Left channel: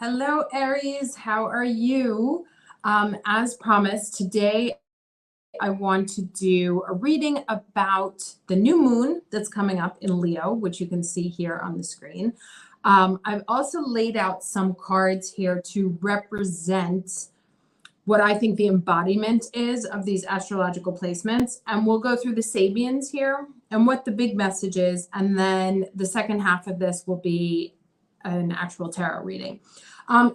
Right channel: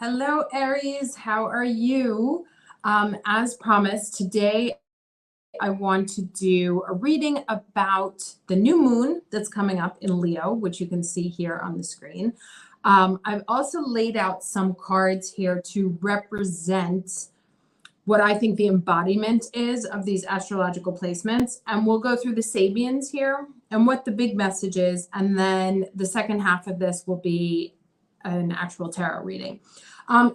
Hello, Aries. How are you? As promised, today I want to do a reading about the new moon that's coming up in Leo, which you can see here on the screen. I've also laid out some cards here to represent what I think the embodiment is of these astrological placements. And we'll go through the Sabians here and what the big message is. And then the second half of this will be an actual tarot reading.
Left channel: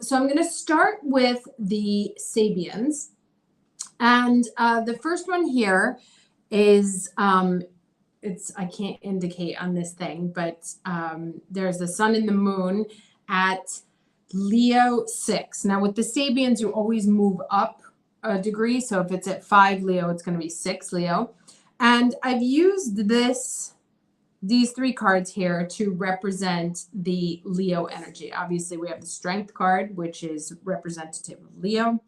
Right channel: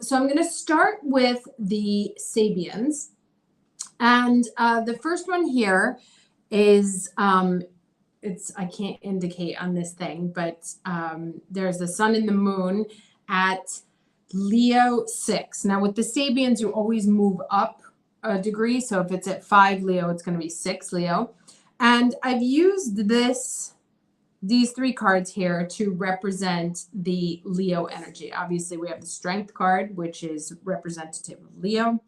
So I'm going to start with the Sabians. And the first one here is, I can't indicate on this thing, but there's the sun and the moon at Leo 6. Now with the Sabians, you always move up a degree. So if it's at 5 Leo, it's going to be 6 Leo. And I've used these three cards here to represent the Leo energy. Obviously, we have the Strength card, which is representative of Leo,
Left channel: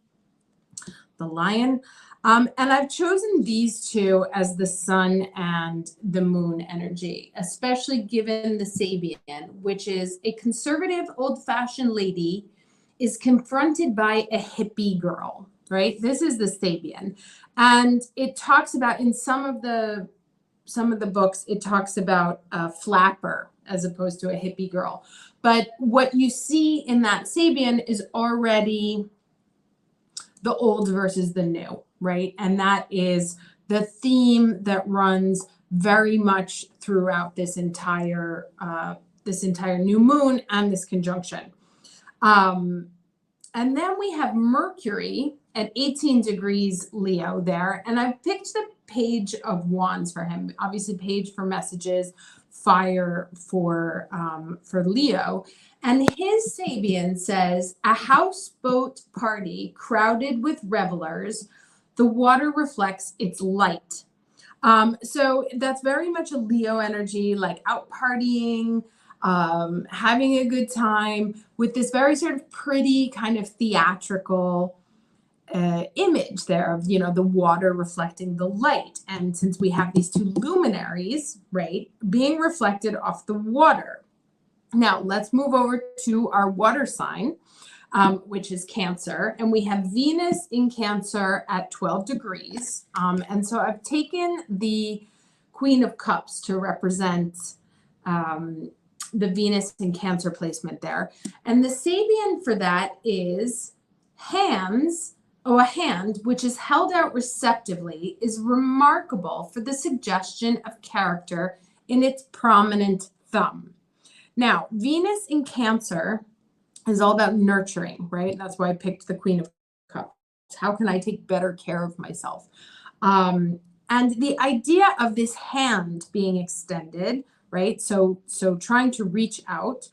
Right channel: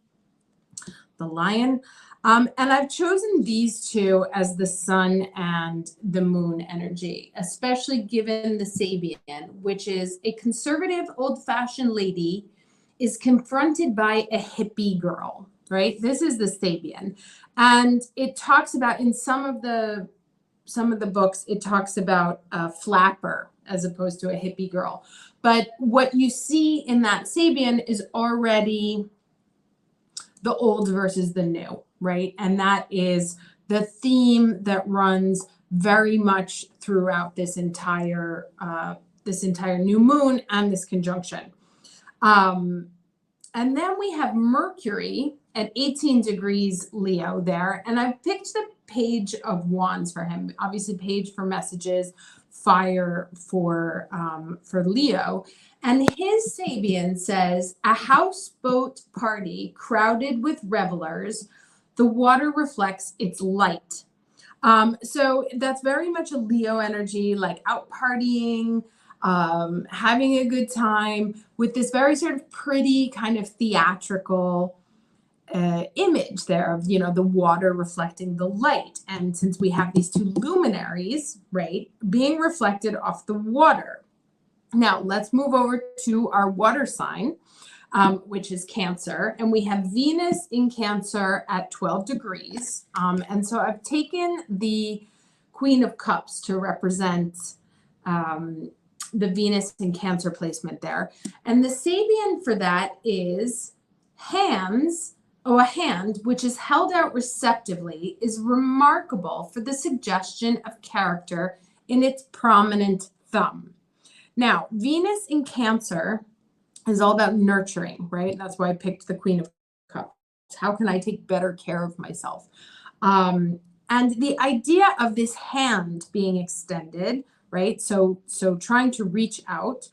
the Lion. And I've chosen these two as the sun and the moon energy, especially given the Sabian, which is a conservative, old-fashioned lady is confronted by a hippie girl, right? This is the Sabian. And it talks about, in some of the books, it talks about a flapper as opposed to a hippie girl. But what you see in that Sabian is already the old versus the new, right? And that is the theme that runs very much throughout this entire new moon and this conjunction. And then we have Mercury at 18 degrees Leo there. And I've picked the Page of Wands for him. Obviously, Page for messages, Fire for Leo. And his Sabian says, a houseboat party crowded with revelers. The water reflects its light. So that's very much a Leo energy, like out partying, having a good time with this very sort of pretty kind of theatrical image there of, the water reflecting the light. And since we have these two luminaries, right, being reflected off the water. Now let's move over to our water sign, which is Cancer. And we have Venus in Cancer at 12 degrees. And so I've taken the Queen of Cups to represent the Venus in Cancer placement there. And the Sabian for that is a hand which is held out receptively is remarkable for the suggestion of character in its prominent thumb. Now, Venus in Cancer is all about nurturing, right? That's why I picked the Queen of Cups. How can I take better care of myself? And the idea of this hand being extended, right? So trying to reach out.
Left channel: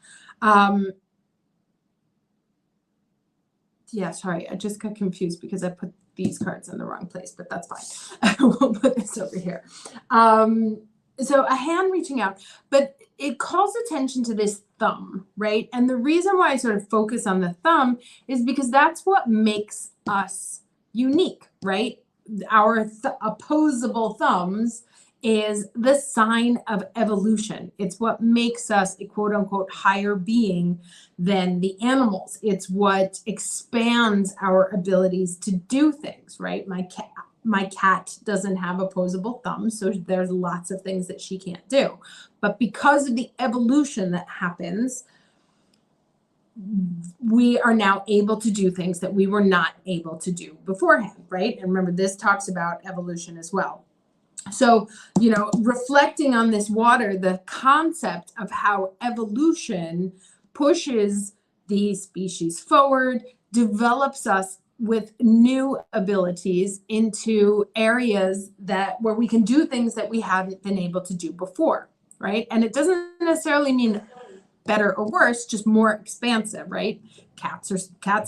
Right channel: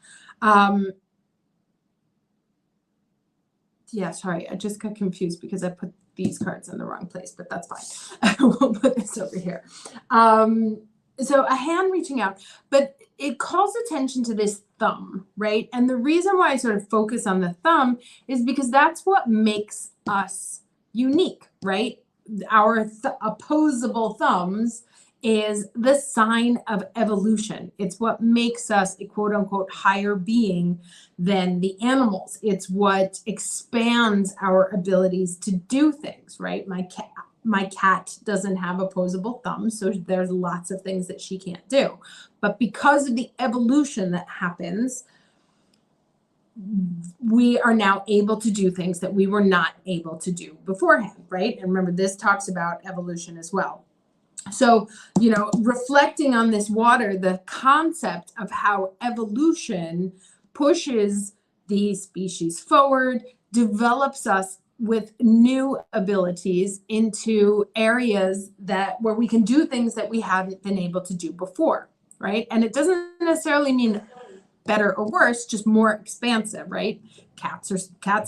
Yeah, sorry, I just got confused because I put these cards in the wrong place, but that's fine. We'll put this over here. So a hand reaching out, but it calls attention to this thumb, right? And the reason why I sort of focus on the thumb is because that's what makes us unique, right? Our opposable thumbs is the sign of evolution. It's what makes us a quote unquote higher being than the animals. It's what expands our abilities to do things, right? My cat doesn't have opposable thumbs, so there's lots of things that she can't do. But because of the evolution that happens, we are now able to do things that we were not able to do beforehand, right? And remember, this talks about evolution as well. So, reflecting on this water, the concept of how evolution pushes the species forward, develops us with new abilities into areas where we can do things that we haven't been able to do before, right? And it doesn't necessarily mean better or worse, just more expansive, right? Cats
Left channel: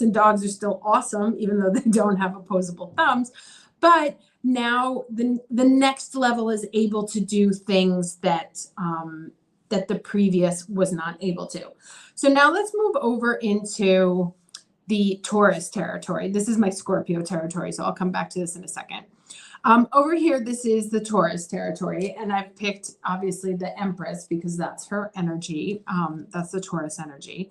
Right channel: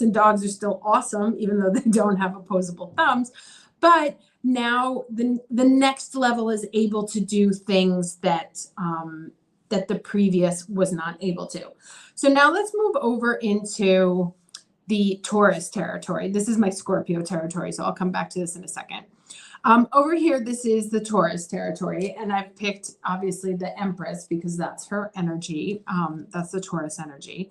and dogs are still awesome, even though they don't have opposable thumbs. But now the next level is able to do things that the previous was not able to. So now let's move over into the Taurus territory. This is my Scorpio territory, so I'll come back to this in a second. Over here, this is the Taurus territory, and I've picked obviously the Empress because that's her energy. That's the Taurus energy.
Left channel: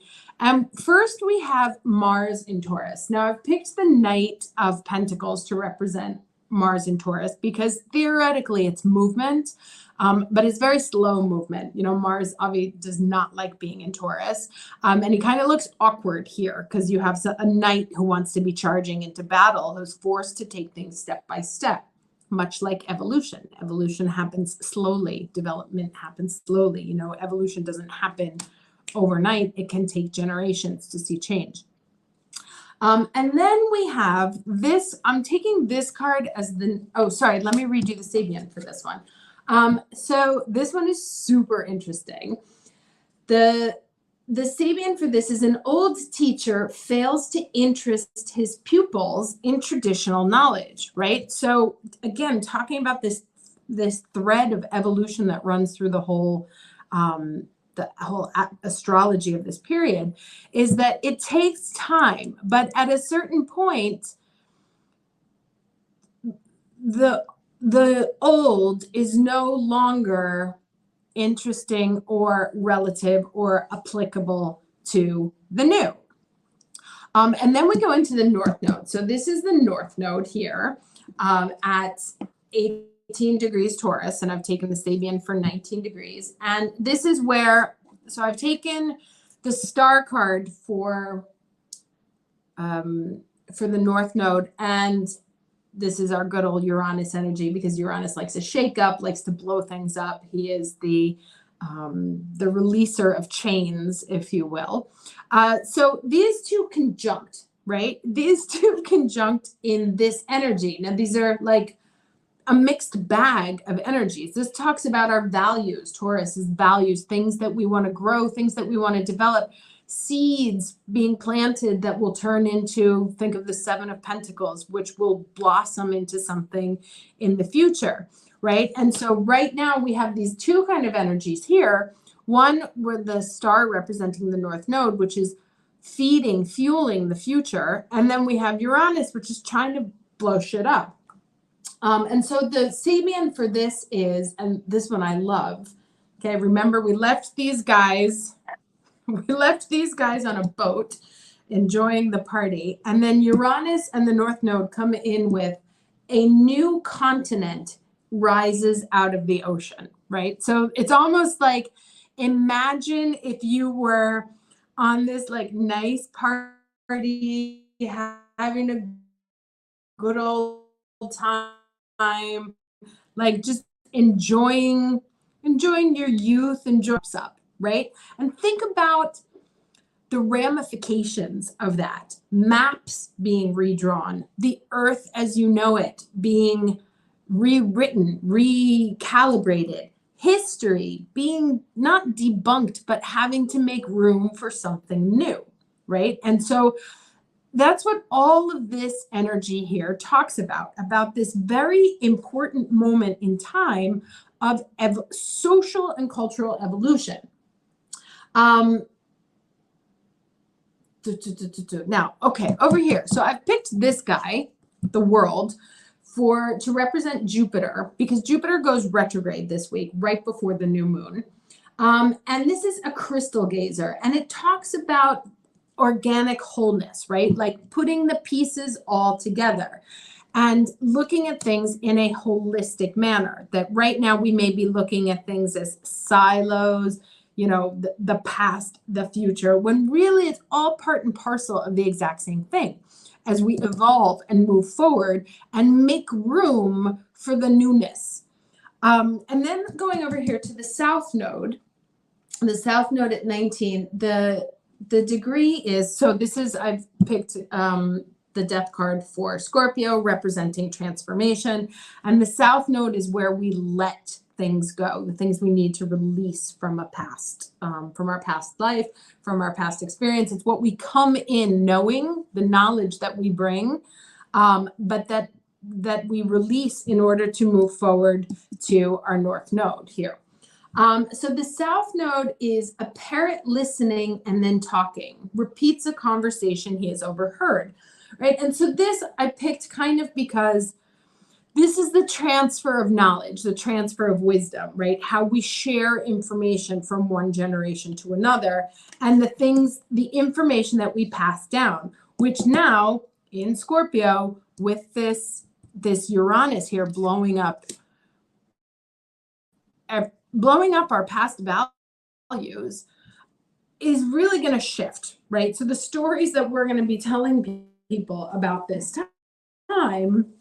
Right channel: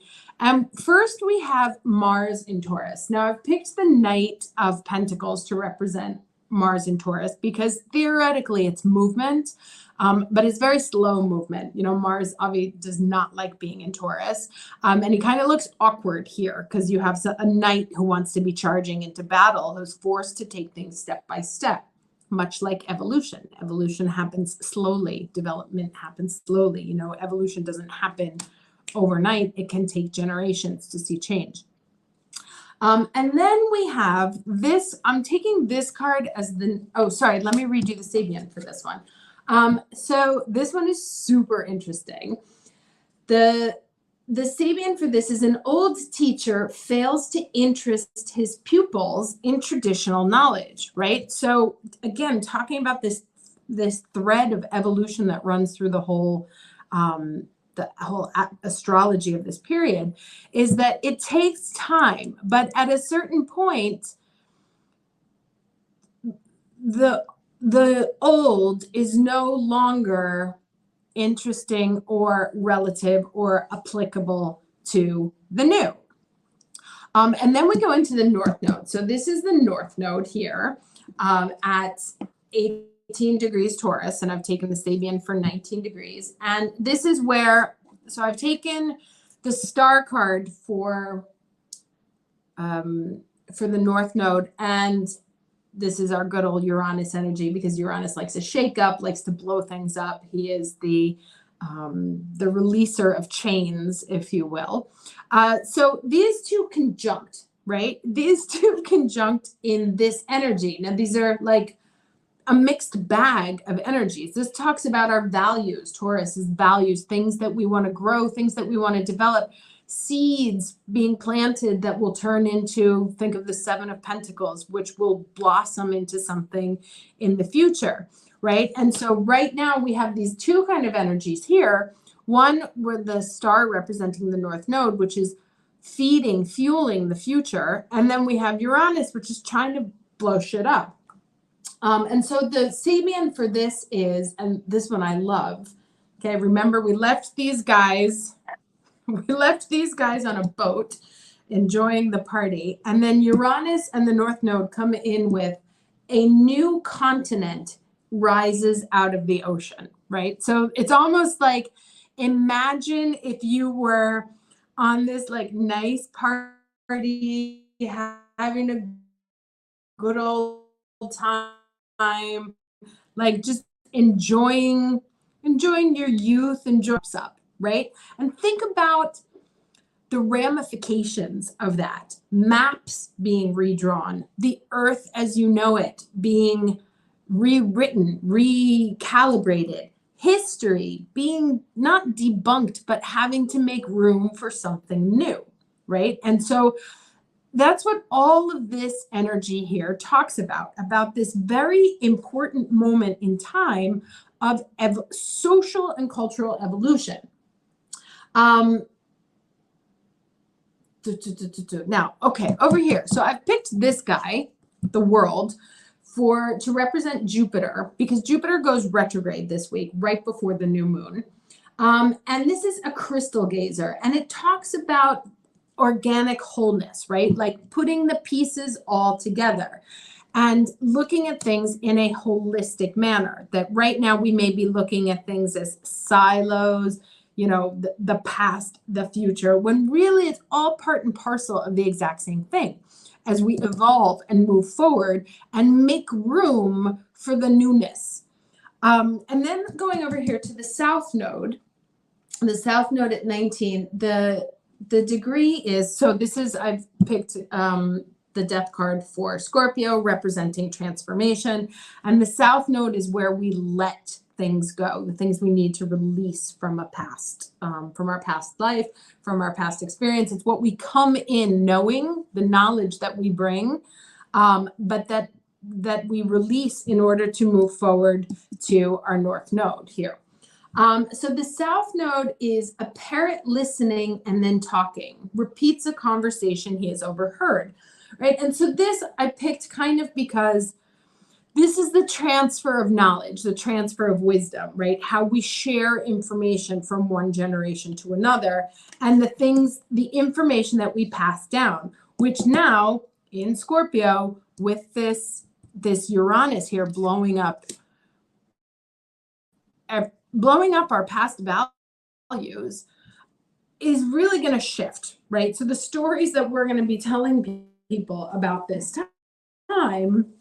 First, we have Mars in Taurus. Now, I've picked the Knight of Pentacles to represent Mars in Taurus because theoretically it's movement, but it's very slow movement. Mars obviously does not like being in Taurus, and he kind of looks awkward here because you have a knight who wants to be charging into battle, who's forced to take things step by step. Much like evolution. Evolution happens slowly. Development happens slowly. Evolution doesn't happen overnight. It can take generations to see change. And then we have this. I'm taking this card as let me read you the Sabian for this one. So this one is super interesting. The Sabian for this is: an old teacher fails to interest his pupils in traditional knowledge, right? So again, talking about this thread of evolution that runs through the whole astrology of this period is that it takes time, but at a certain point, the old is no longer interesting or relative or applicable to the new. And then we go into the North Node. So this is the North Node here at 18 degrees Taurus, and I've taken the Sabian for 19 degrees. And this is where, so I've taken the star card for the North Node, and this is our good old Uranus energy because Uranus likes to shake up, likes to blow things up. He is the releaser of chains, if you will. So these two conjunct, right? These two conjunct in this energy. Now, these are like a mixed bag of energies. This talks about our values. Taurus's values, things that we want to grow, things that we want to develop. Seeds being planted that will turn into, think of the Seven of Pentacles, which will blossom into something in the future, right? And so right now we have these two kind of energies here. One with the star representing the North Node, which is fueling the future. And then we have Uranus, which is trying to blow shit up. And so the Sabian for this is, and this one I love. Okay, remember we left these guys on a boat enjoying the party. And then Uranus and the North Node come in with a new continent rises out of the ocean, right? So it's almost like, imagine if you were on this like nice party, having a good old time, like just enjoying your youth, up, right? And think about the ramifications of that. Maps being redrawn, the earth as you know it being rewritten, recalibrated, history being not debunked, but having to make room for something new, right? And so that's what all of this energy here talks about this very important moment in time of social and cultural evolution. Now, okay, over here. So I've picked this guy, the World, to represent Jupiter, because Jupiter goes retrograde this week, right before the new moon. And this is a crystal gazer, and it talks about organic wholeness, right? Like putting the pieces all together and looking at things in a holistic manner. That right now we may be looking at things as silos, the past, the future, when really it's all part and parcel of the exact same thing as we evolve and move forward and make room for the newness. And then going over here to the South Node at 19, the degree is, so this is, I've picked the death card for Scorpio, representing transformation. And the South Node is where we let things go, the things we need to release from a past, from our past life, from our past experience. It's what we come in knowing, the knowledge that we bring, but that we release in order to move forward to our North Node here. So the South Node is a parrot listening and then talking, repeats a conversation he has overheard, right? And so this I picked kind of because This is the transfer of knowledge, the transfer of wisdom, right? How we share information from one generation to another, and the information that we pass down, which now in Scorpio, with this Uranus here blowing up our past values, is really going to shift, right? So the stories that we're going to be telling people about this time,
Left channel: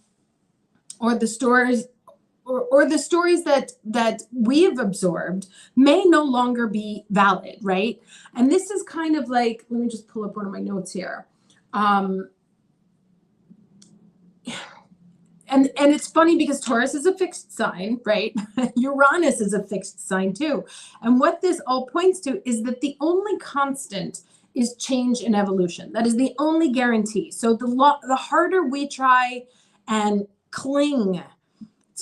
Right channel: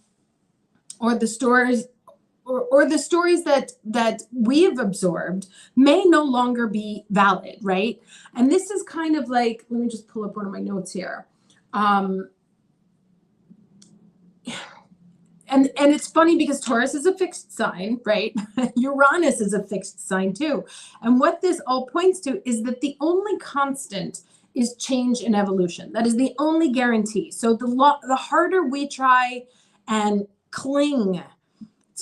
or the stories that we have absorbed, may no longer be valid, right? And this is kind of like, let me just pull up one of my notes here. And it's funny because Taurus is a fixed sign, right? Uranus is a fixed sign too. And what this all points to is that the only constant is change and evolution. That is the only guarantee. So the harder we try and cling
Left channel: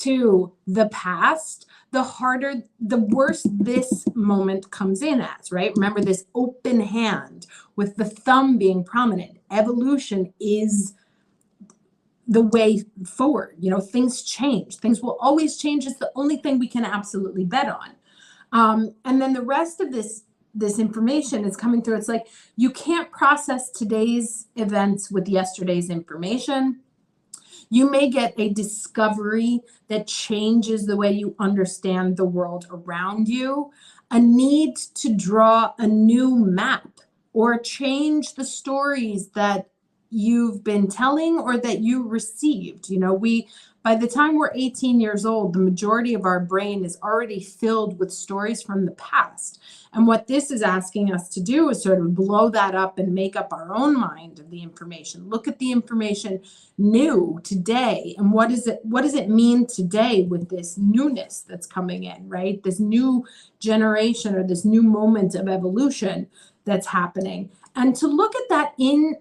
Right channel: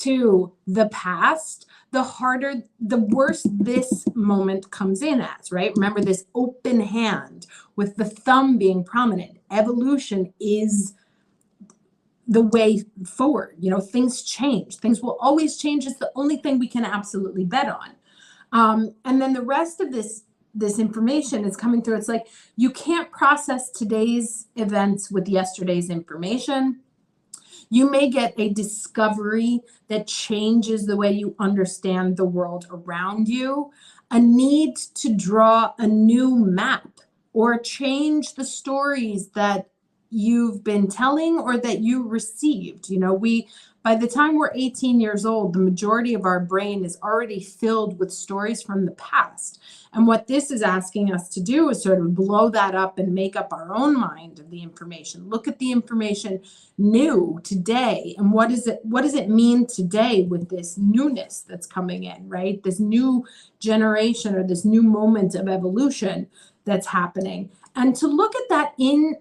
to the past, the worse this moment comes in as, right? Remember this open hand with the thumb being prominent. Evolution is the way forward. Things change. Things will always change. It's the only thing we can absolutely bet on. And then the rest of this information is coming through. It's like you can't process today's events with yesterday's information. You may get a discovery that changes the way you understand the world around you, a need to draw a new map or change the stories that you've been telling or that you received. By the time we're 18 years old, the majority of our brain is already filled with stories from the past. And what this is asking us to do is sort of blow that up and make up our own mind of the information. Look at the information new today. And what does it mean today with this newness that's coming in, right? This new generation or this new moment of evolution that's happening. And to look at that in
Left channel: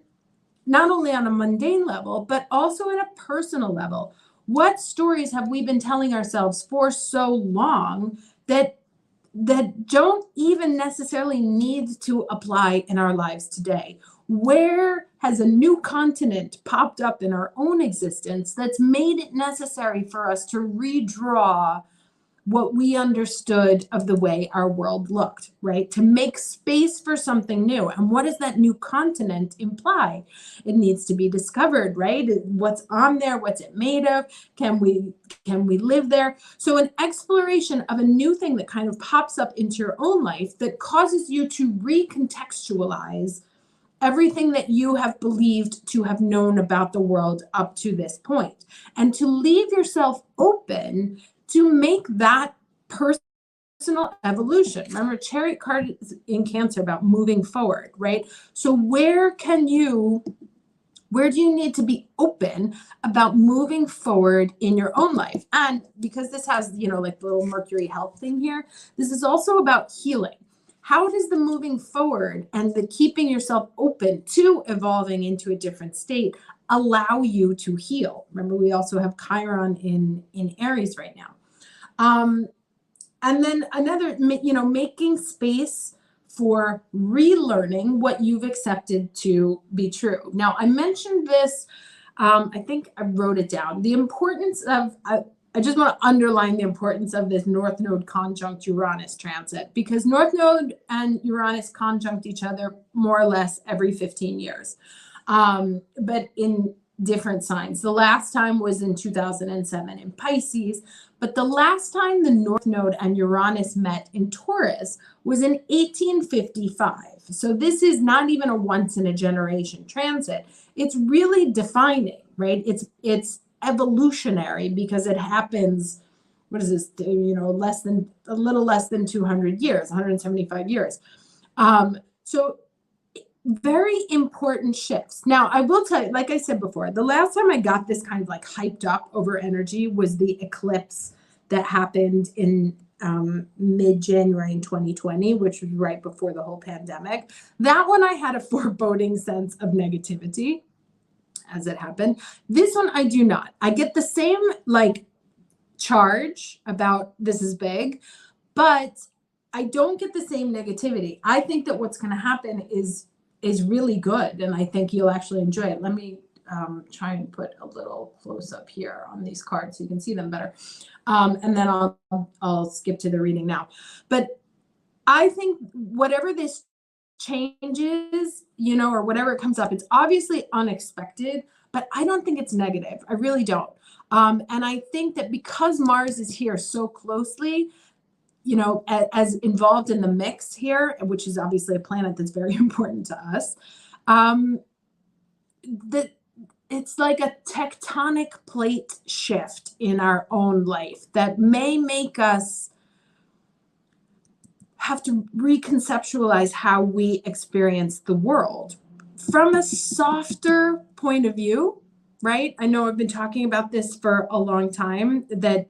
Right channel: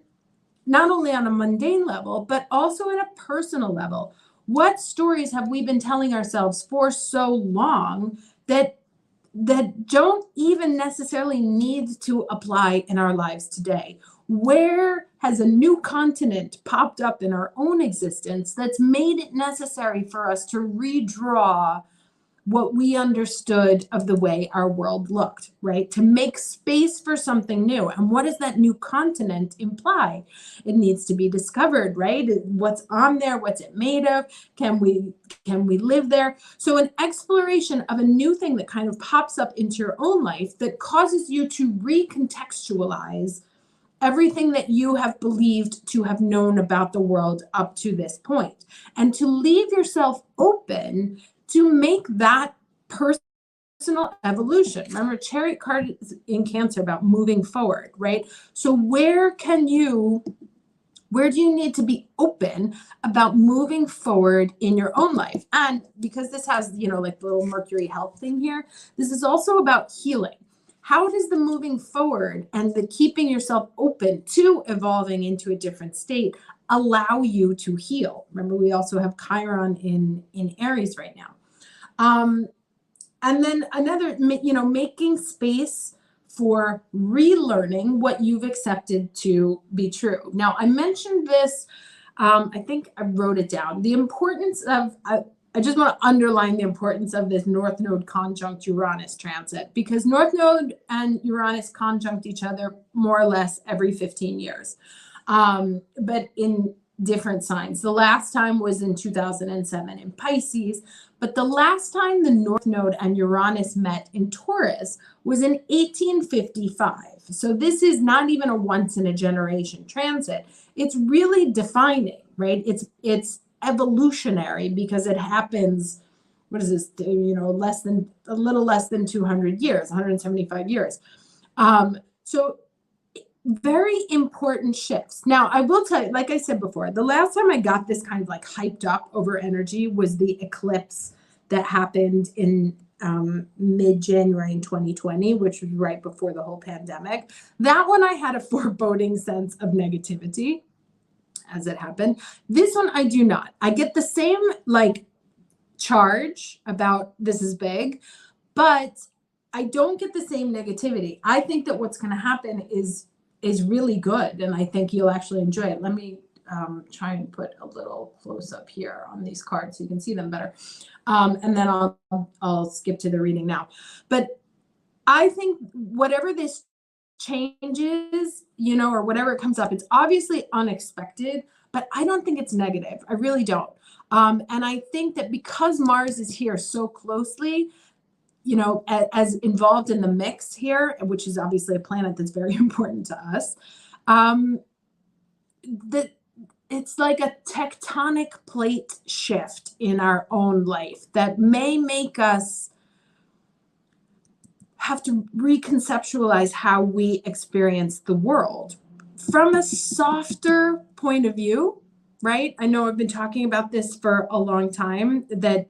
not only on a mundane level, but also at a personal level. What stories have we been telling ourselves for so long that don't even necessarily need to apply in our lives today? Where has a new continent popped up in our own existence that's made it necessary for us to redraw what we understood of the way our world looked, right? To make space for something new. And what does that new continent imply? It needs to be discovered, right? What's on there? What's it made of? Can we live there? So an exploration of a new thing that kind of pops up into your own life that causes you to recontextualize everything that you have believed to have known about the world up to this point, and to leave yourself open to make that personal evolution. Remember, Chariot card is in Cancer about moving forward, right? So where do you need to be open about moving forward in your own life? And because this has, like the little Mercury health thing here, this is also about healing. How does the moving forward and the keeping yourself open to evolving into a different state allow you to heal? Remember, we also have Chiron in Aries right now. And then another, making space for relearning what you've accepted to be true. Now, I mentioned this, I think I wrote it down. The importance of, I just want to underline the importance of this North Node conjunct Uranus transit, because North Node and Uranus conjunct each other more or less every 15 years, but in different signs. The last time was in 2007 in Pisces, but the last time the North Node and Uranus met in Taurus was in 1855. So this is not even a once in a generation transit. It's really defining, right? It's evolutionary because it happens, what is this, a little less than 200 years, 175 years. So very important shifts. Now, I will tell you, like I said before, the last time I got this kind of like hyped up over energy was the eclipse that happened in mid-January in 2020, which was right before the whole pandemic. That one I had a foreboding sense of negativity as it happened. This one I do not. I get the same like charge about this is big, but I don't get the same negativity. I think that what's going to happen is really good, and I think you'll actually enjoy it. Let me try and put a little close up here on these cards so you can see them better. And then I'll skip to the reading now. But I think whatever this changes, or whatever it comes up, it's obviously unexpected, but I don't think it's negative. I really don't. And I think that because Mars is here so closely, as involved in the mix here, which is obviously a planet that's very important to us, that it's like a tectonic plate shift in our own life that may make us have to reconceptualize how we experience the world from a softer point of view, right? I know I've been talking about this for a long time, that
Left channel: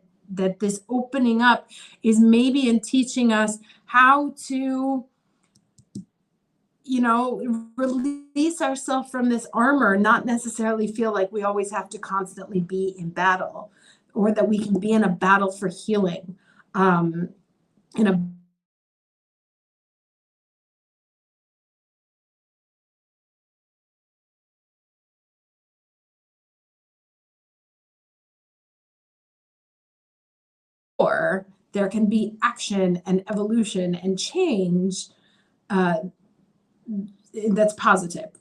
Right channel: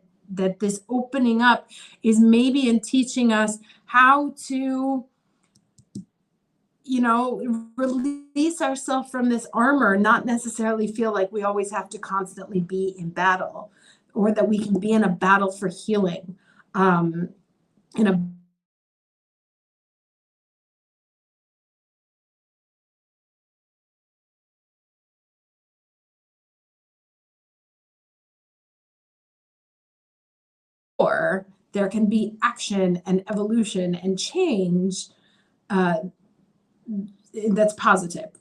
this opening up is maybe in teaching us how to, release ourselves from this armor, not necessarily feel like we always have to constantly be in battle, or that we can be in a battle for healing, in a or there can be action and evolution and change that's positive.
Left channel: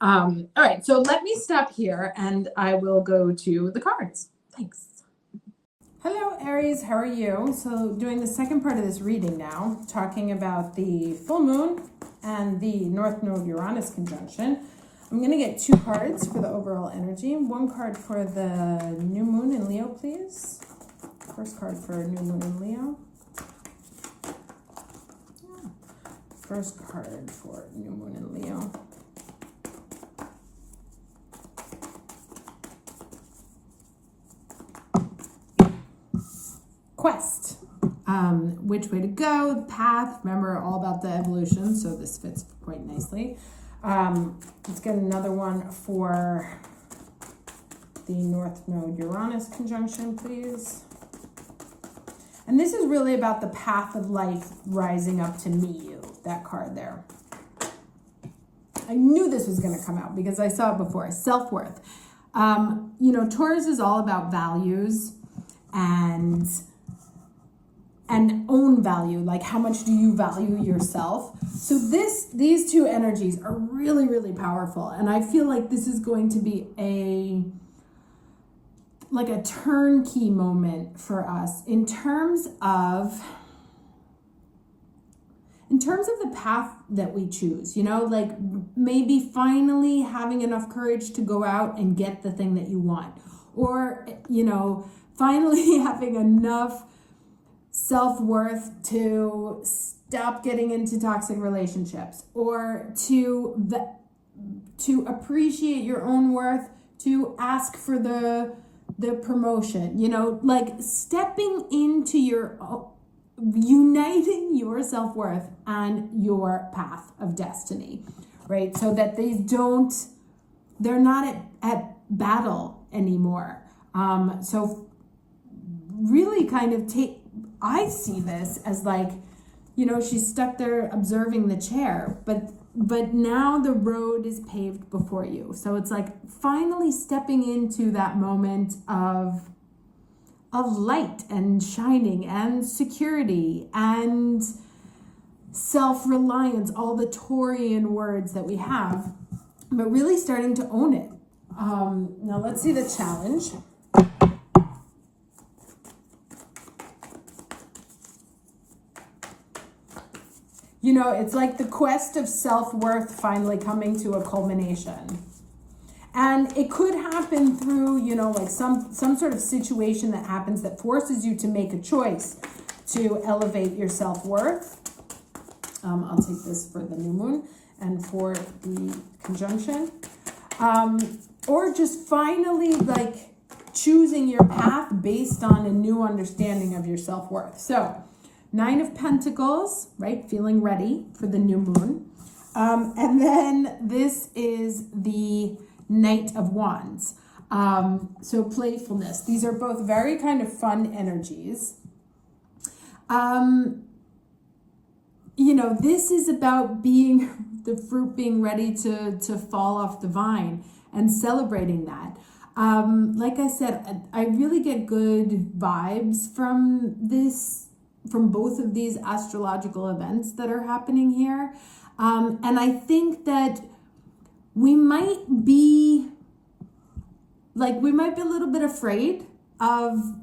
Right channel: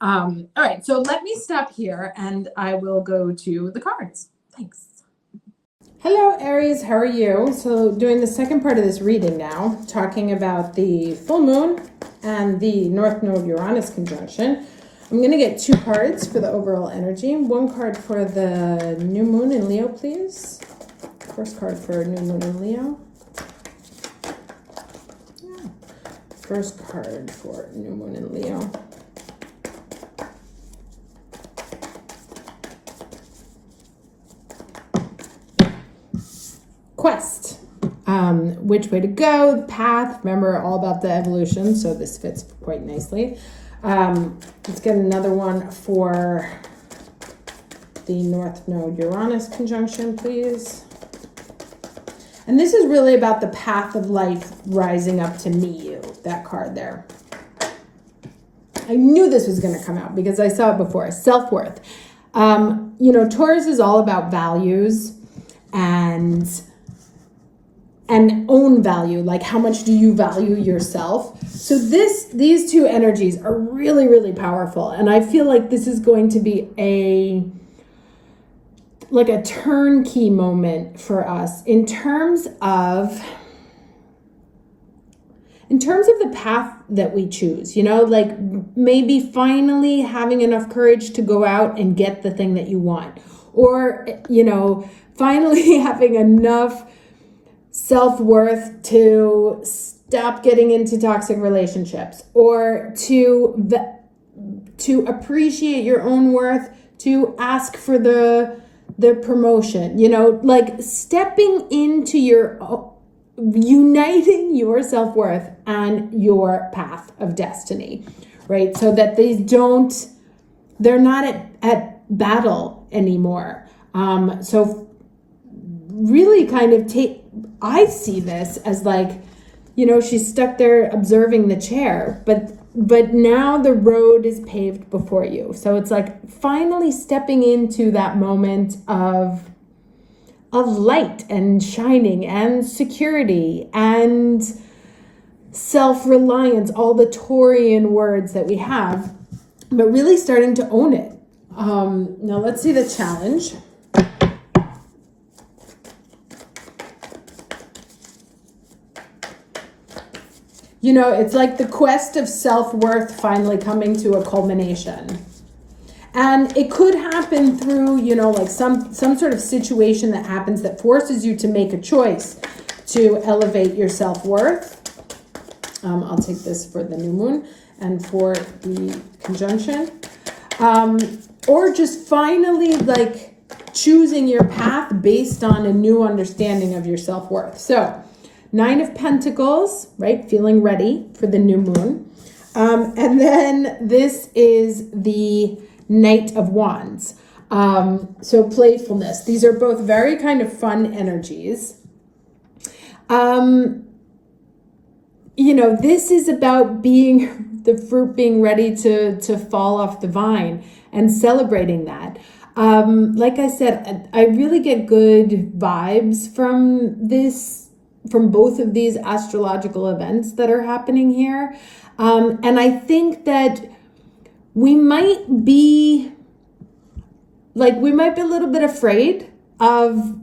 All right, so let me stop here and I will go to the cards. Thanks. Hello, Aries, how are you? So doing the second part of this reading now, talking about the full moon and the North Node Uranus conjunction. I'm going to get 2 cards for the overall energy. 1 card for the new moon in Leo, please. First card for new moon in Leo. Yeah. First card for new moon in Leo. Quest. Which way to go, path. Remember, all about the evolution, so this fits quite nicely. Let's get another one for the North Node Uranus conjunction, please. And this is really about the path of life rising up to meet you, that card there. I knew this was going to come out because I saw it before. Self-worth. Taurus is all about values and own value, like how much do you value yourself. So these 2 energies are really, really powerful. And I feel like this is going to be a turnkey moment for us in terms of the path that we choose, maybe finally having enough courage to go out and get the thing that you want, or, finally having enough self-worth to stop getting into toxic relationships, or to appreciate your own worth, to ask for the promotion, stepping into uniting your self-worth and your path of destiny, right? So that they're not at battle anymore. So really kind of I see this as she's stuck there observing the chair, but now the road is paved before you. So it's finally stepping into that moment of light and shining and security and self-reliance, all the Taurian words that we have, but really starting to own it. Now let's see the challenge. It's like the quest of self-worth finally coming to a culmination. And it could happen through, some sort of situation that happens that forces you to make a choice to elevate your self-worth. I'll take this for the new moon and for the conjunction. Or just finally, choosing your path based on a new understanding of your self-worth. So, 9 of Pentacles, right? Feeling ready for the new moon. And then this is the Knight of Wands. So playfulness. These are both very kind of fun energies. this is about being the fruit being ready to fall off the vine and celebrating that. Like I said, I really get good vibes from both of these astrological events that are happening here. And I think that we might be a little bit afraid of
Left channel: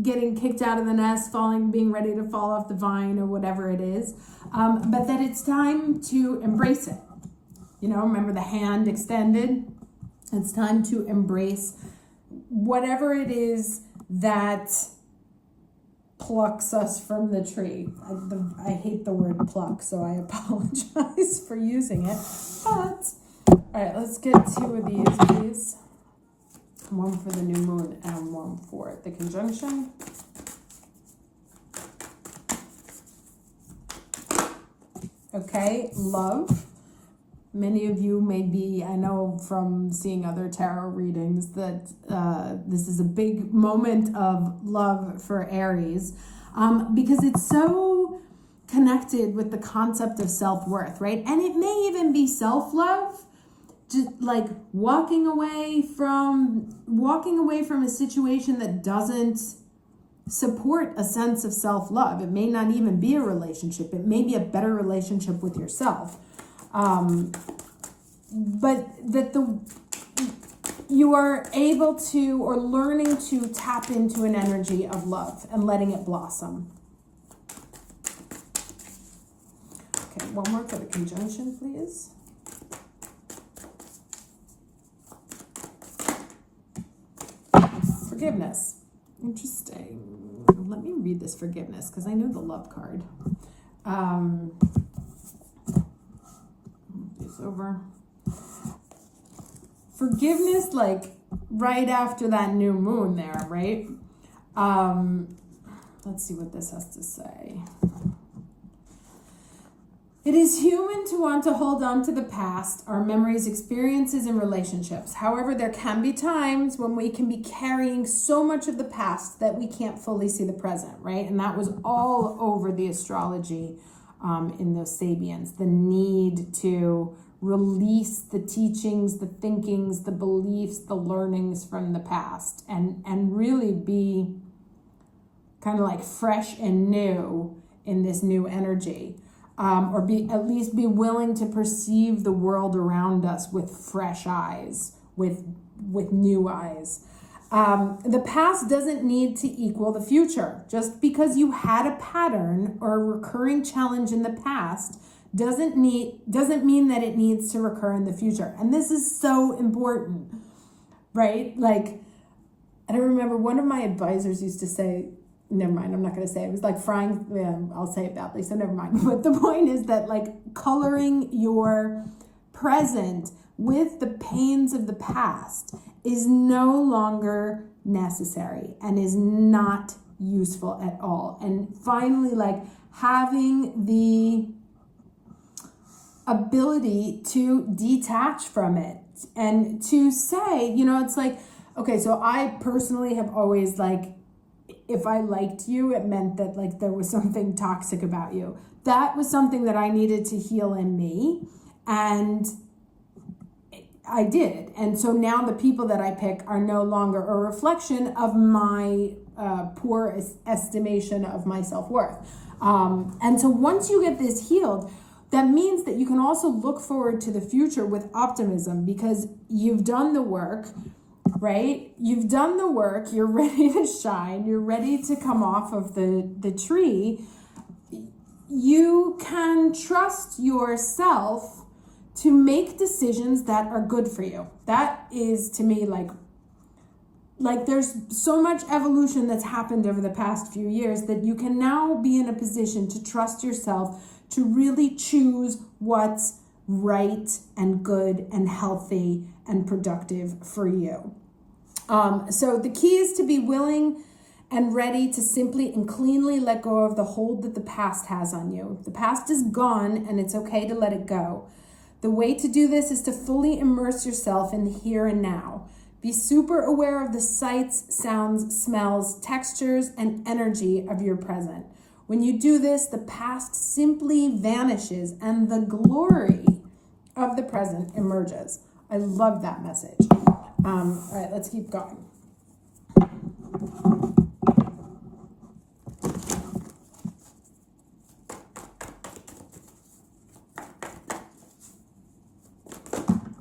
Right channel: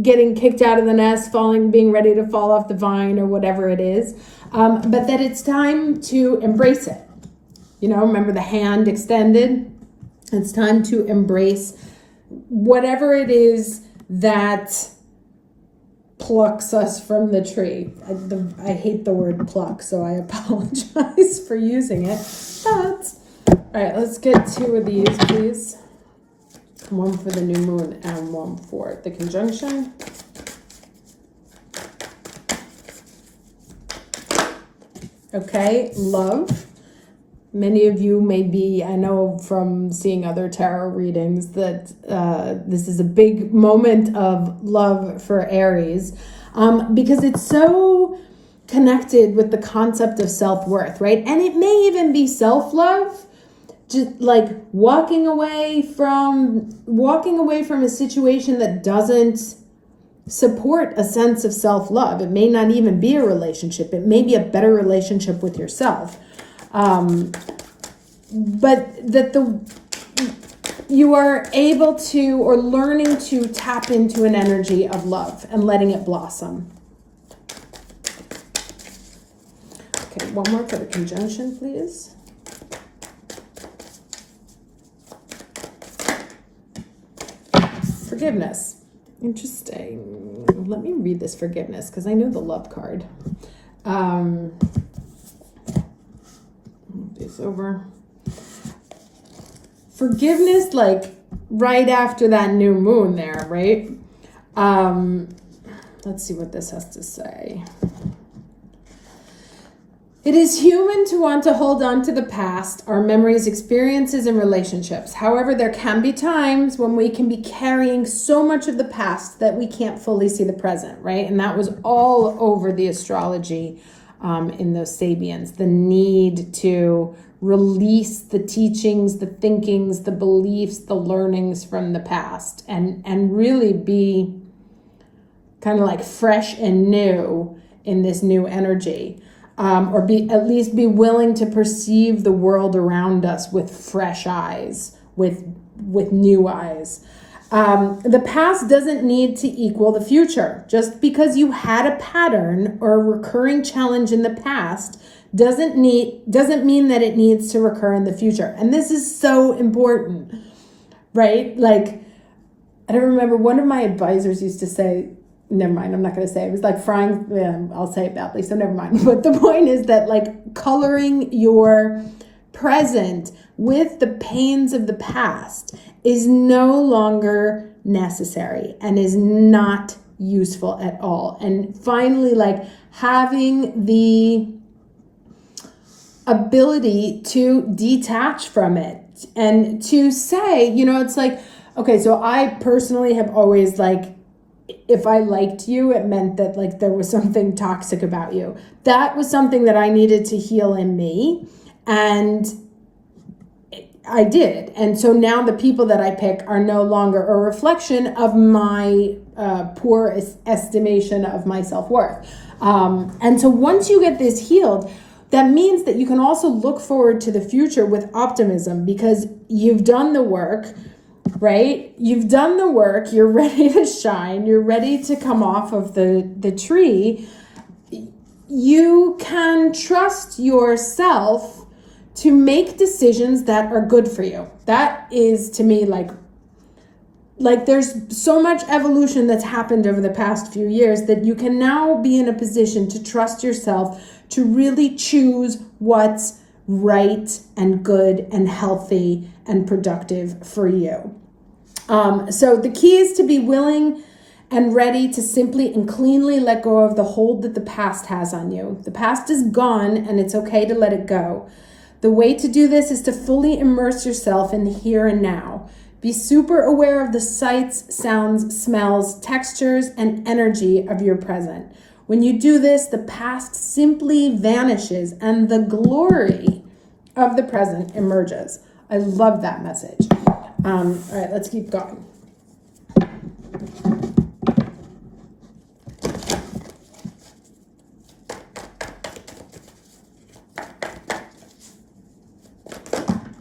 getting kicked out of the nest, being ready to fall off the vine or whatever it is. But that it's time to embrace it. Remember the hand extended? It's time to embrace whatever it is that plucks us from the tree. I hate the word pluck, so I apologize for using it. But, all right, let's get 2 of these, please. One for the new moon and one for the conjunction. Okay, love. Many of you may be, I know from seeing other tarot readings that this is a big moment of love for Aries because it's so connected with the concept of self-worth, right? And it may even be self-love, just like walking away from a situation that doesn't support a sense of self-love. It may not even be a relationship. It may be a better relationship with yourself. But that you are able to or learning to tap into an energy of love and letting it blossom. Okay, one more for the conjunction, please. Forgiveness. Interesting. Let me read this forgiveness because I know the love card. Move this over. Forgiveness, like right after that new moon there, right? Let's see what this has to say. It is human to want to hold on to the past, our memories, experiences, and relationships. However, there can be times when we can be carrying so much of the past that we can't fully see the present, right? And that was all over the astrology in those Sabians, the need to release the teachings, the thinkings, the beliefs, the learnings from the past and really be kind of like fresh and new in this new energy. Or at least be willing to perceive the world around us with fresh eyes, with new eyes. The past doesn't need to equal the future. Just because you had a pattern or a recurring challenge in the past doesn't mean that it needs to recur in the future. And this is so important, right? Like, I don't remember, one of my advisors used to say, never mind, I'm not going to say it. It was like frying, I'll say it badly, so never mind. But the point is that like coloring your present with the pains of the past is no longer necessary and is not useful at all. And finally, like having the ability to detach from it and to say, it's like, okay, so I personally have always like, if I liked you, it meant that like there was something toxic about you. That was something that I needed to heal in me. And I did. And so now the people that I pick are no longer a reflection of my poor estimation of my self-worth. And so once you get this healed, that means that you can also look forward to the future with optimism because you've done the work. Right? You've done the work, you're ready to shine, you're ready to come off of the tree. You can trust yourself to make decisions that are good for you. That is to me like there's so much evolution that's happened over the past few years that you can now be in a position to trust yourself to really choose what's right and good and healthy and productive for you. So the key is to be willing and ready to simply and cleanly let go of the hold that the past has on you. The past is gone and it's okay to let it go. The way to do this is to fully immerse yourself in the here and now. Be super aware of the sights, sounds, smells, textures, and energy of your present. When you do this, the past simply vanishes and the glory of the present emerges. I love that message. All right, let's keep going.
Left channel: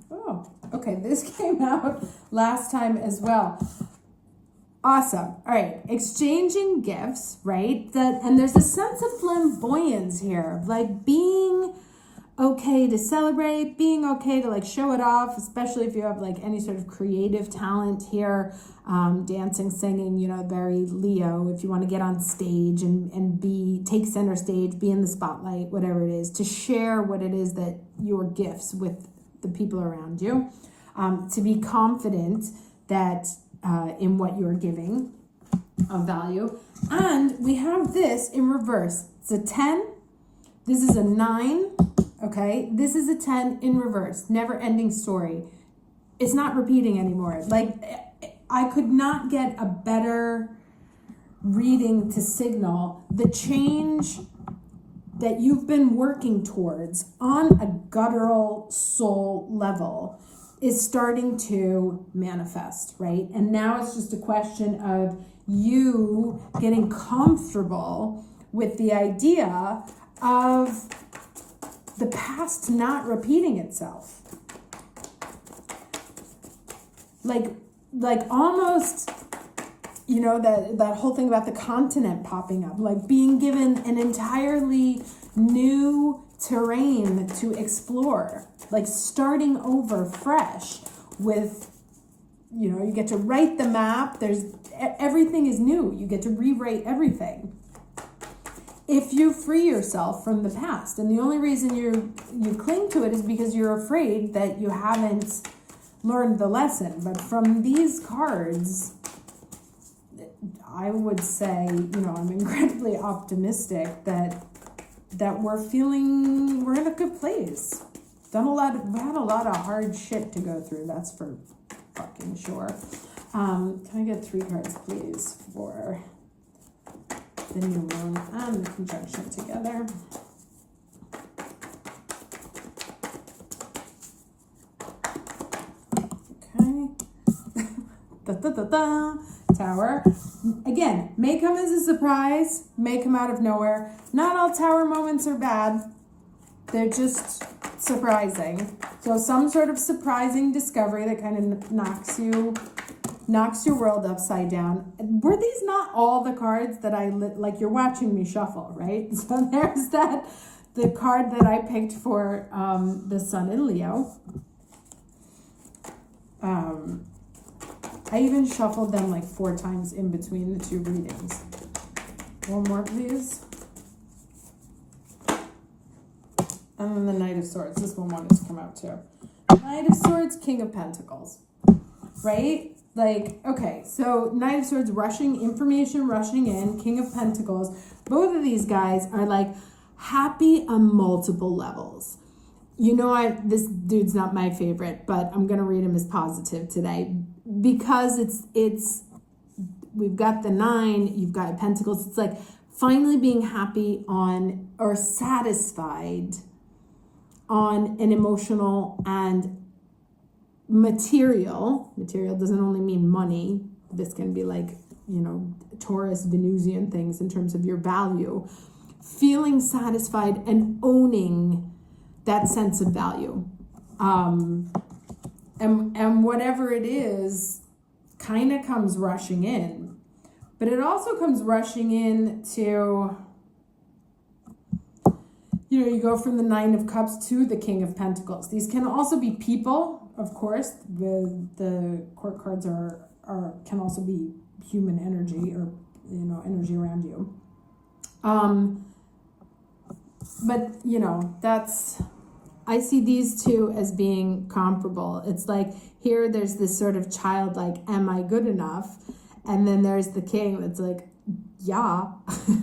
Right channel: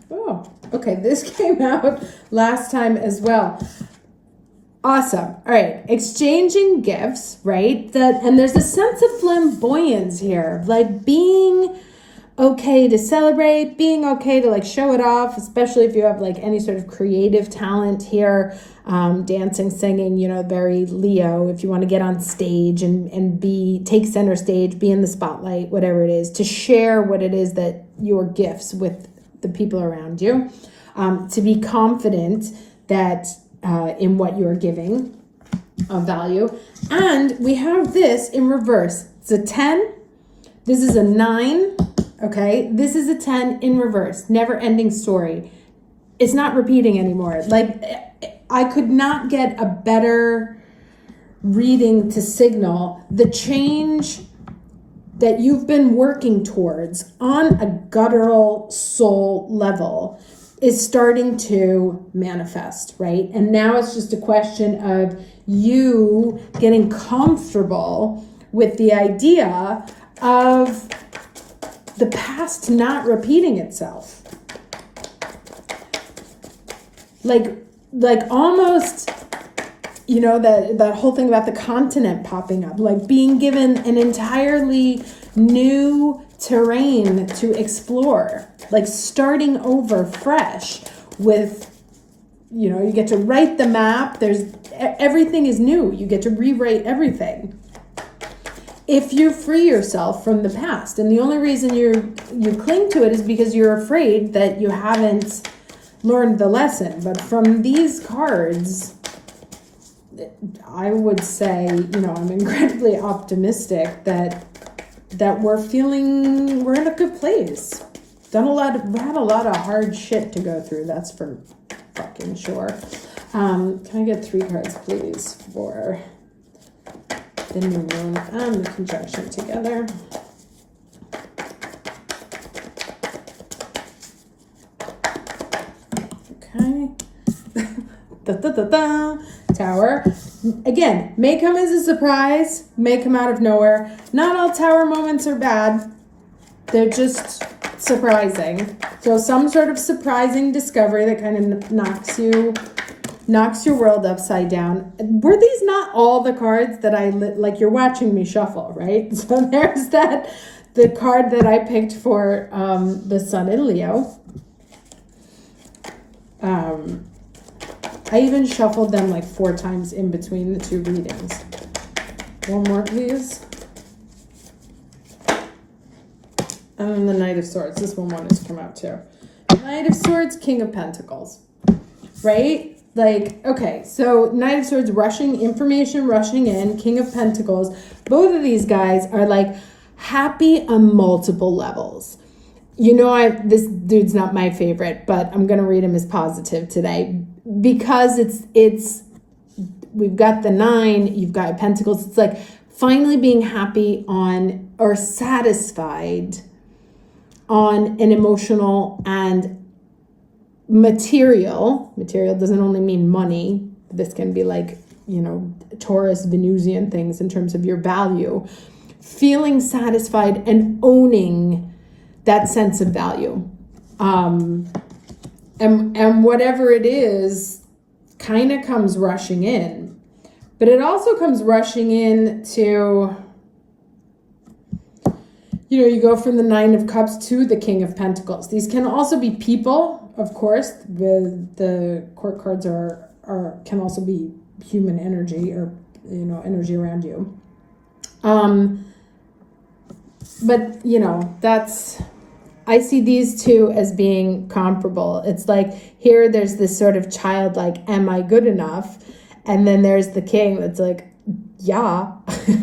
Oh, okay, this came out last time as well. Awesome. All right. Exchanging gifts, right? And there's a sense of flamboyance here, like being okay to celebrate, being okay to like show it off, especially if you have like any sort of creative talent here, dancing, singing, you know, very Leo, if you want to get on stage and take center stage, be in the spotlight, whatever it is, to share what it is that your gifts with the people around you, to be confident that in what you're giving of value. And we have this in reverse. It's a 10. This is a 9. Okay. This is a 10 in reverse. Never ending story. It's not repeating anymore. Like, I could not get a better reading to signal the change that you've been working towards on a guttural soul level is starting to manifest, right? And now it's just a question of you getting comfortable with the idea of the past not repeating itself. Like almost, you know, that whole thing about the continent popping up, like being given an entirely new terrain to explore, like starting over fresh with, you know, you get to write the map. Everything is new. You get to rewrite everything. If you free yourself from the past, and the only reason you cling to it is because you're afraid that you haven't learned the lesson. But from these cards, I would say, you know, I'm incredibly optimistic that we're in a good place. Had a lot of hard shit to go through, that's for fucking sure. Can I get 3 cards, please, for the new moon and the conjunction together? Okay. Tower. Again, may come as a surprise, may come out of nowhere. Not all tower moments are bad. They're just surprising. So some sort of surprising discovery that kind of knocks your world upside down. Were these not all the cards that like you're watching me shuffle, right? So there's the card that I picked for the Sun in Leo. I even shuffled them like 4 times in between the 2 readings. One more, please. And then the Knight of Swords. This one wanted to come out too. Knight of Swords, King of Pentacles. Right? Like, okay, so Knight of Swords, information rushing in, King of Pentacles. Both of these guys are like happy on multiple levels. You know, this dude's not my favorite, but I'm going to read him as positive today because we've got the 9, you've got Pentacles. It's like finally being happy on or satisfied on an emotional and material doesn't only mean money. This can be like, you know, Taurus, Venusian things in terms of your value. Feeling satisfied and owning that sense of value. And whatever it is kind of comes rushing in. But it also comes rushing in to, you know, you go from the 9 of Cups to the King of Pentacles. These can also be people, of course. The court cards can also be human energy or, you know, energy around you. But, you know, I see these 2 as being comparable. It's like here there's this sort of childlike, am I good enough? And then there's the king that's like, yeah,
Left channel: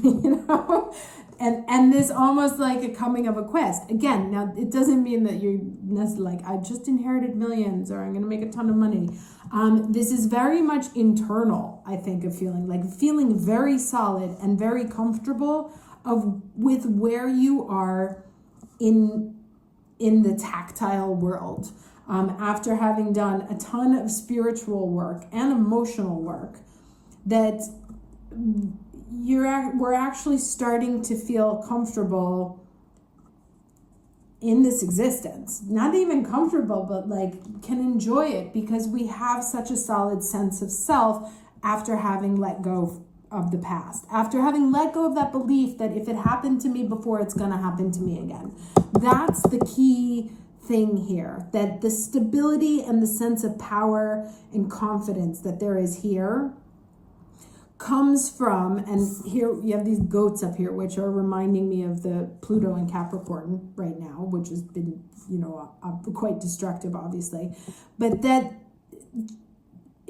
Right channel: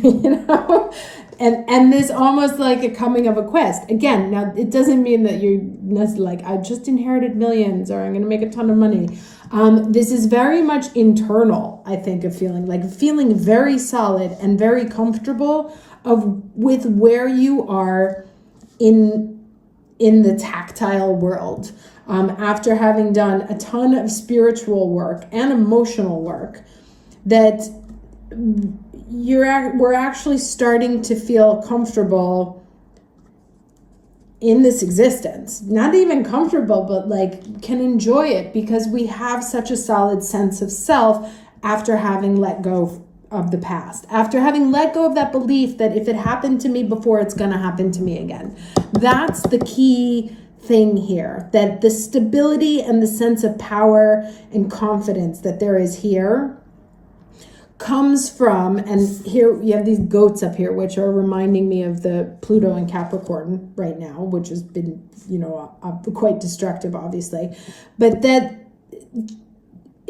you know? And this almost like a coming of a quest. Again, now it doesn't mean that you're like, I just inherited millions or I'm going to make a ton of money. This is very much internal, I think, of feeling very solid and very comfortable with where you are in the tactile world. After having done a ton of spiritual work and emotional work, that we're actually starting to feel comfortable in this existence. Not even comfortable, but like can enjoy it because we have such a solid sense of self after having let go of the past, after having let go of that belief that if it happened to me before, it's going to happen to me again. That's the key thing here, that the stability and the sense of power and confidence that there is here comes from, and here you have these goats up here, which are reminding me of the Pluto and Capricorn right now, which has been, quite destructive, obviously. But that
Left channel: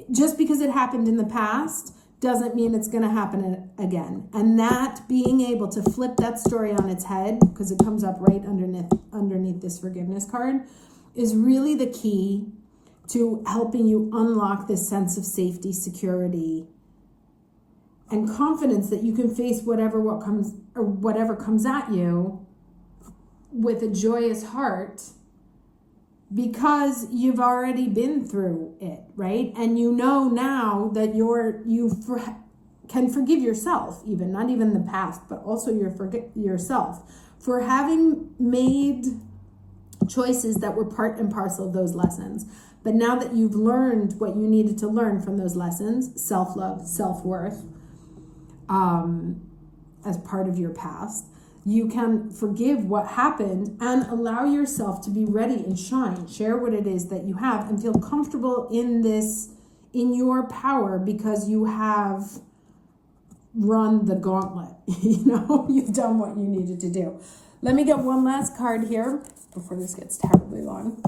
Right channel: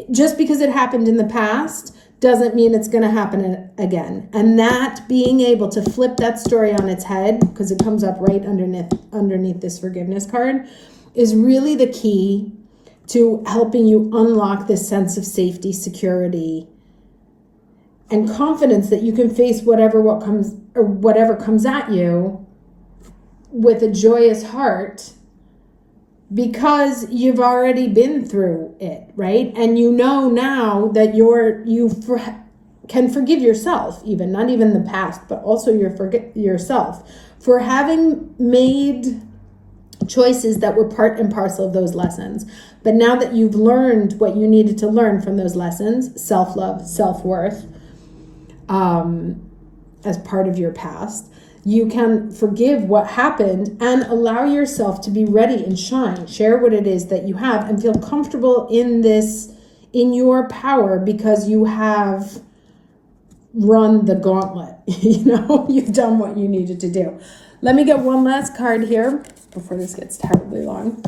just because it happened in the past doesn't mean it's going to happen again. And that being able to flip that story on its head, because it comes up right underneath this forgiveness card, is really the key to helping you unlock this sense of safety, security, and confidence that you can face whatever comes at you with a joyous heart, because you've already been through it, right? And you know now that you can forgive yourself, even not even the past, but also yourself for having made choices that were part and parcel of those lessons. But now that you've learned what you needed to learn from those lessons, self-love, self-worth, as part of your past, you can forgive what happened and allow yourself to be ready and share what it is that you have, and feel comfortable in your power, because you have run the gauntlet. You've done what you needed to do. Let me get one last card here before this gets terribly long,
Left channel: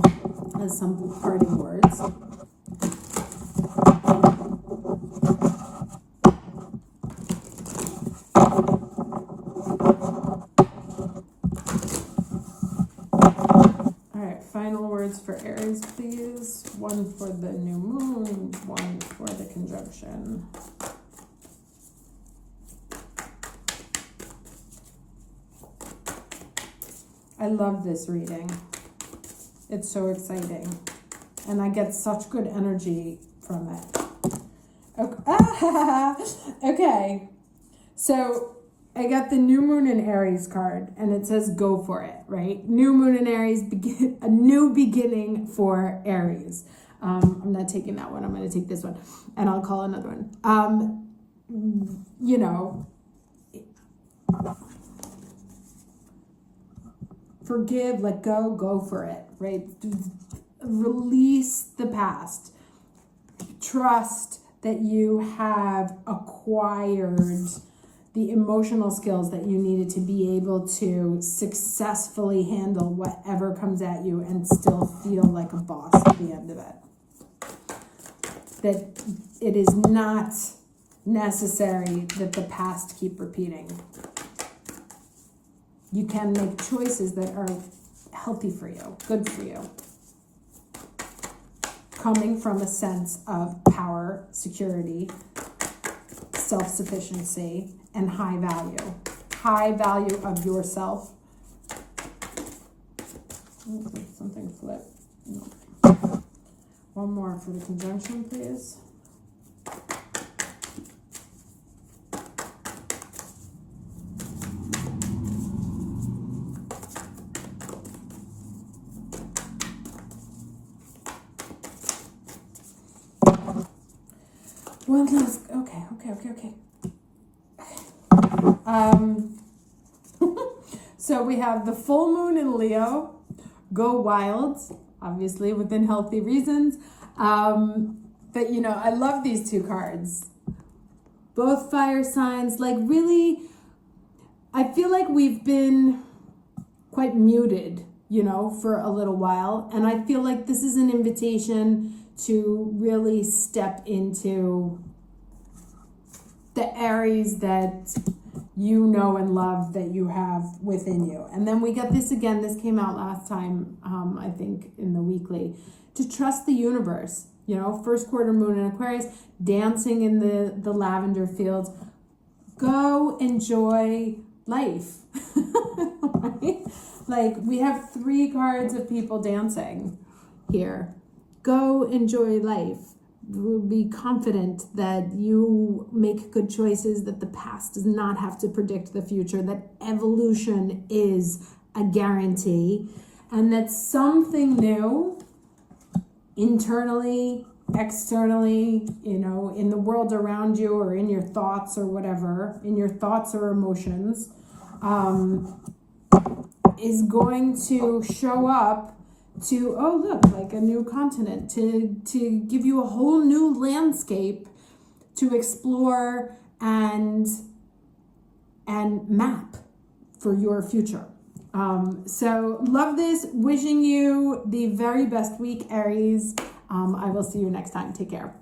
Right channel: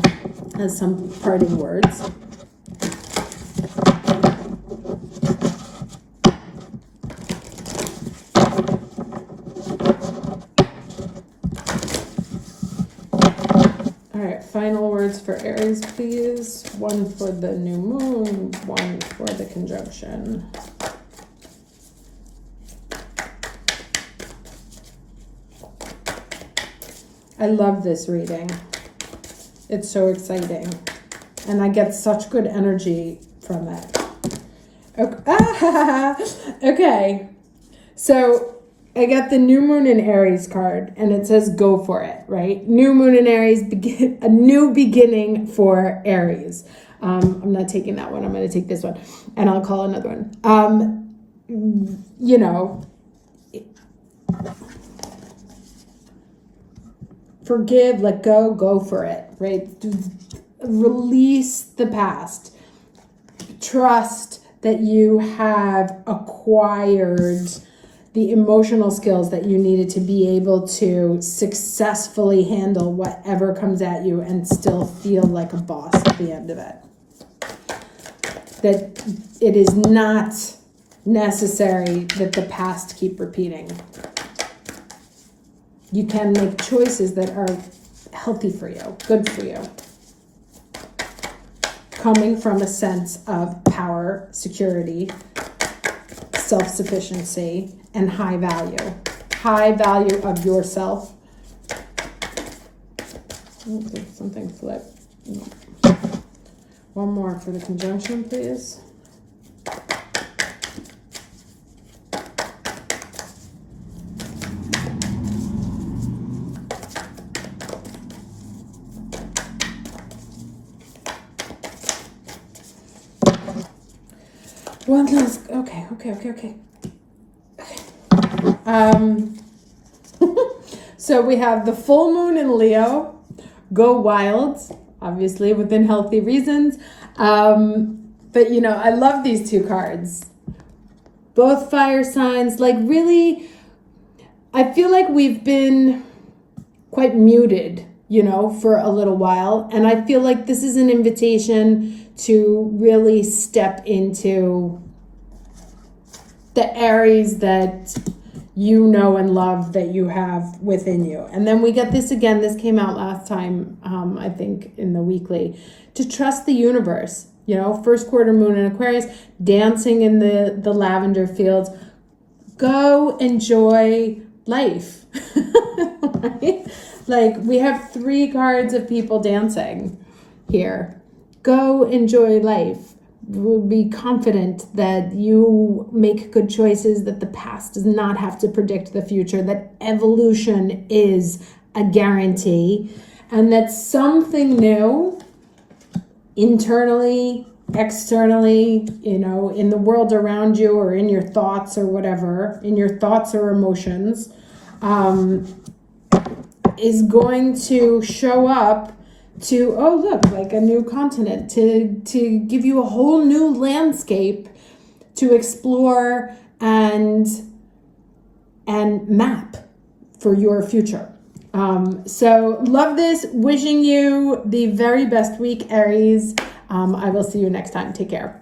as some parting words. Final words for Aries, please. One for the new moon, one for the conjunction. I love this reading. It's so exciting. And I get such good energy from it. Okay. So I got the new moon in Aries card, and it says go for it, right? New moon in Aries, a new beginning for Aries. I'm not taking that one. I'm going to take this one, and I'll call another one. Forgive, let go, go for it, right? Release the past. Trust that you have acquired the emotional skills that you needed to be able to successfully handle whatever comes at you and still feel like a boss at the end of it. That it is not necessary that the past keep repeating. You can make choices that are healthy for you, good for you, coming from a sense of power, security, self-sufficiency, and high value of yourself. Something flipped. One more for the conjunction, please. One last, okay. So we have the full moon in Leo, go wild, obviously within healthy reasons. But I love these two cards. Both fire signs, like really, I feel like we've been quite muted, for a little while. And I feel like this is an invitation to really step into the Aries that you know and love, that you have within you. And then we get this again. This came out last time, I think, in the weekly. To trust the universe. First quarter moon in Aquarius, dancing in the lavender fields. Go enjoy life. Right? Like, we have 3 cards of people dancing here. Go enjoy life. Be confident that you make good choices, that the past does not have to predict the future, that evolution is a guarantee, and that something new, internally, externally, in the world around you, or in your thoughts or whatever, in your thoughts or emotions, is going to show up to, oh look, like a new continent, to give you a whole new landscape to explore and map for your future. So love this. Wishing you the very best week, Aries. I will see you next time. Take care.